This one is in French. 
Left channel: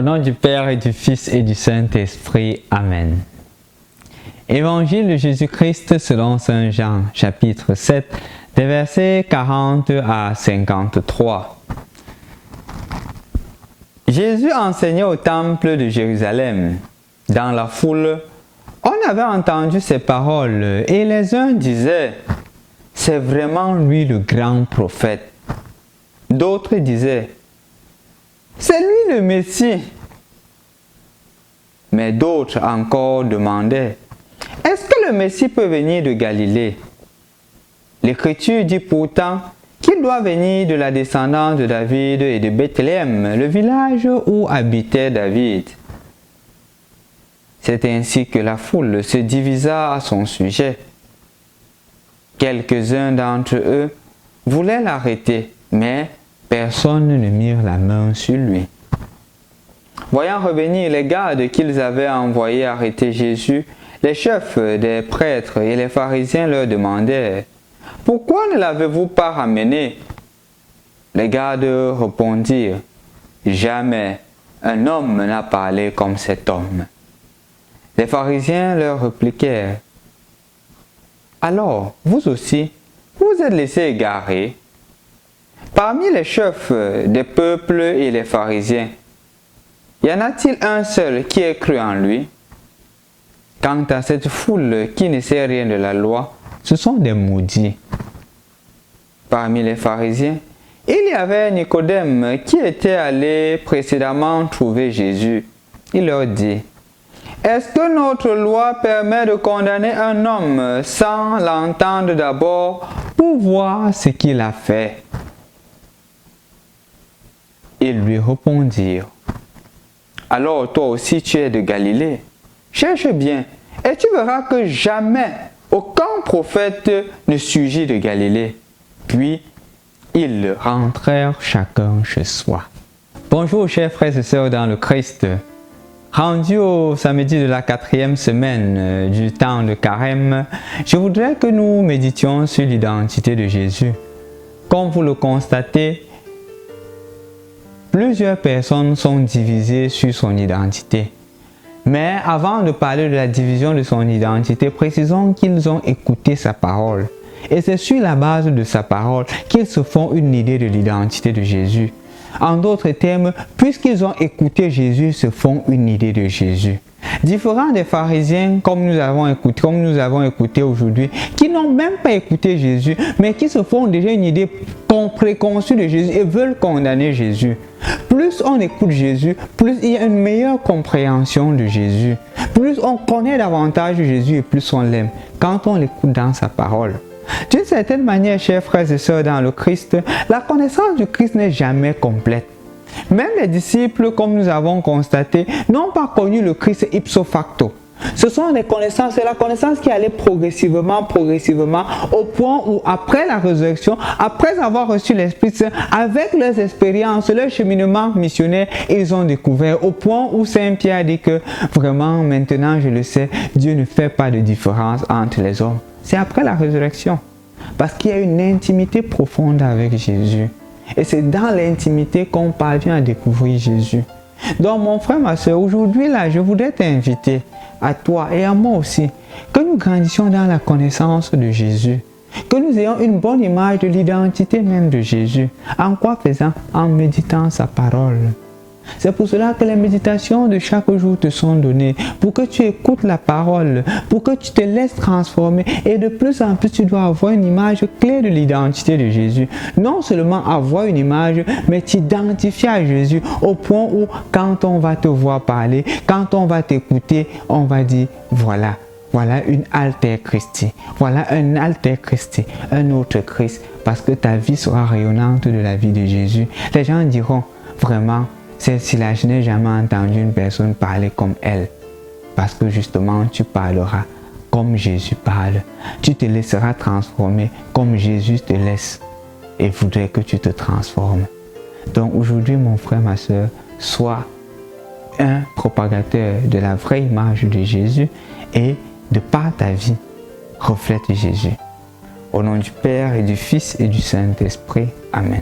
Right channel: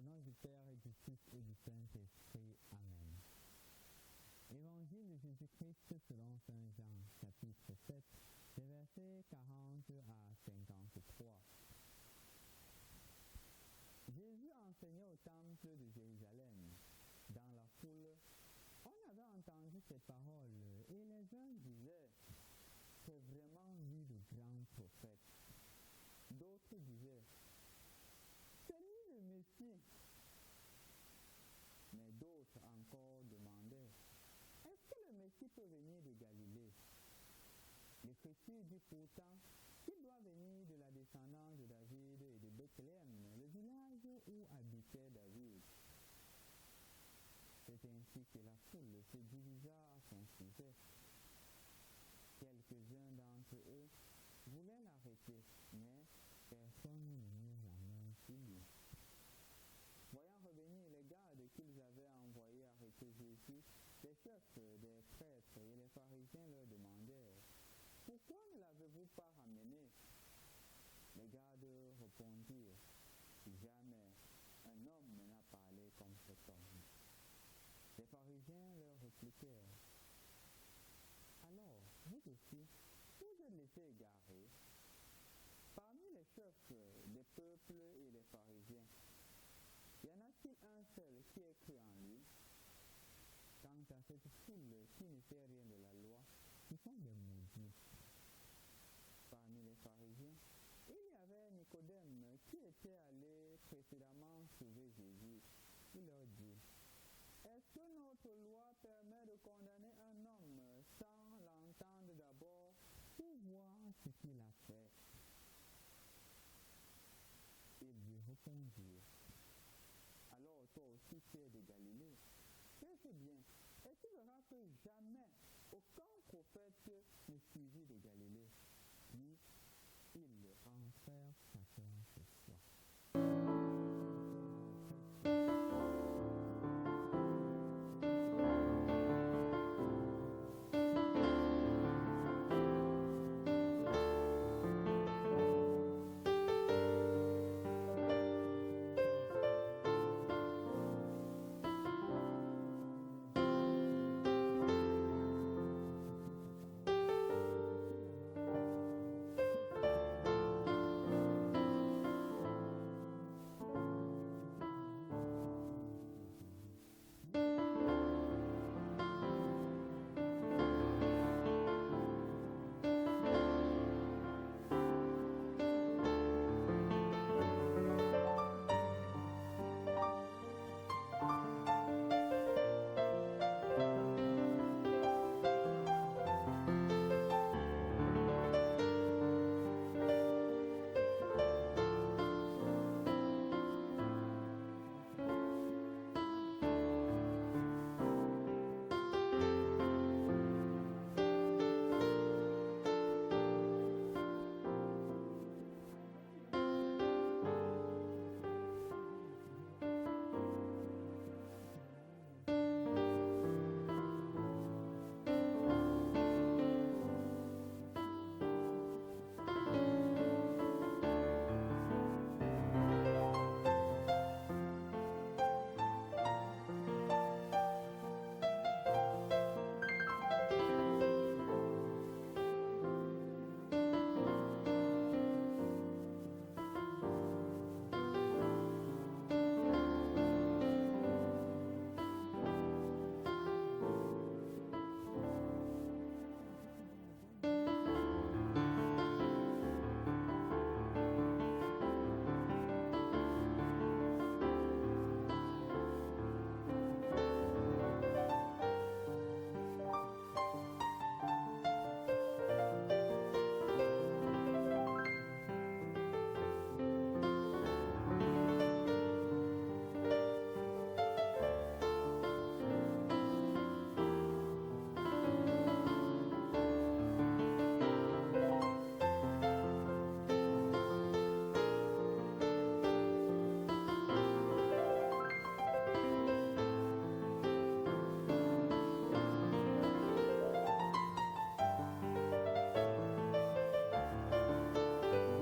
Au nom du Père et du Fils et du Saint-Esprit. Amen. Évangile de Jésus-Christ selon Saint Jean, chapitre 7, des versets 40 à 53. Jésus enseignait au temple de Jérusalem. Dans la foule, on avait entendu ces paroles et les uns disaient « C'est vraiment lui le grand prophète ». D'autres disaient « C'est lui le Messie ». Mais d'autres encore demandaient « Est-ce que le Messie peut venir de Galilée ?» L'Écriture dit pourtant qu'il doit venir de la descendance de David et de Bethléem, le village où habitait David. C'est ainsi que la foule se divisa à son sujet. Quelques-uns d'entre eux voulaient l'arrêter, mais personne ne mit la main sur lui. Voyant revenir les gardes qu'ils avaient envoyés arrêter Jésus, les chefs des prêtres et les pharisiens leur demandèrent « Pourquoi ne l'avez-vous pas ramené ?» Les gardes répondirent « Jamais un homme n'a parlé comme cet homme. » Les pharisiens leur répliquèrent « Alors, vous aussi, vous êtes laissés égarer. Parmi les chefs des peuples et les pharisiens, y en a-t-il un seul qui ait cru en lui? Quant à cette foule qui ne sait rien de la loi, ce sont des maudits. » Parmi les pharisiens, il y avait Nicodème qui était allé précédemment trouver Jésus. Il leur dit « Est-ce que notre loi permet de condamner un homme sans l'entendre d'abord pour voir ce qu'il a fait ?» Ils lui répondirent « Alors toi aussi tu es de Galilée. Cherche bien, et tu verras que jamais aucun prophète ne surgit de Galilée. » Puis, ils rentrèrent chacun chez soi. Bonjour chers frères et sœurs dans le Christ. Rendu au samedi de la 4e semaine du temps de Carême, je voudrais que nous méditions sur l'identité de Jésus. Comme vous le constatez, plusieurs personnes sont divisées sur son identité. Mais avant de parler de la division de son identité, précisons qu'ils ont écouté sa parole. Et c'est sur la base de sa parole qu'ils se font une idée de l'identité de Jésus. En d'autres termes, puisqu'ils ont écouté Jésus, ils se font une idée de Jésus. Différents des pharisiens, comme nous avons écouté aujourd'hui, qui n'ont même pas écouté Jésus, mais qui se font déjà une idée préconçue de Jésus et veulent condamner Jésus. Plus on écoute Jésus, plus il y a une meilleure compréhension de Jésus. Plus on connaît davantage Jésus et plus on l'aime quand on l'écoute dans sa parole. D'une certaine manière, chers frères et sœurs dans le Christ, la connaissance du Christ n'est jamais complète. Même les disciples, comme nous avons constaté, n'ont pas connu le Christ ipso facto. Ce sont des connaissances, c'est la connaissance qui allait progressivement, au point où après la résurrection, après avoir reçu l'Esprit Saint, avec leurs expériences, leur cheminement missionnaire, ils ont découvert, au point où Saint Pierre dit que vraiment maintenant je le sais, Dieu ne fait pas de différence entre les hommes. C'est après la résurrection, parce qu'il y a une intimité profonde avec Jésus. Et c'est dans l'intimité qu'on parvient à découvrir Jésus. Donc mon frère, ma soeur, aujourd'hui là, je voudrais t'inviter à toi et à moi aussi, que nous grandissions dans la connaissance de Jésus, que nous ayons une bonne image de l'identité même de Jésus. En quoi faisant? En méditant sa parole. C'est pour cela que les méditations de chaque jour te sont données, pour que tu écoutes la parole, pour que tu te laisses transformer et de plus en plus tu dois avoir une image claire de l'identité de Jésus. Non seulement avoir une image, mais t'identifier à Jésus au point où quand on va te voir parler, quand on va t'écouter, on va dire voilà. Voilà une alter Christi, voilà un alter Christi, un autre Christ, parce que ta vie sera rayonnante de la vie de Jésus. Les gens diront vraiment, celle-ci-là, je n'ai jamais entendu une personne parler comme elle. Parce que justement, tu parleras comme Jésus parle. Tu te laisseras transformer comme Jésus te laisse et voudrait que tu te transformes. Donc aujourd'hui, mon frère, ma soeur, sois un propagateur de la vraie image de Jésus et de par ta vie, reflète Jésus. Au nom du Père et du Fils et du Saint-Esprit. Amen.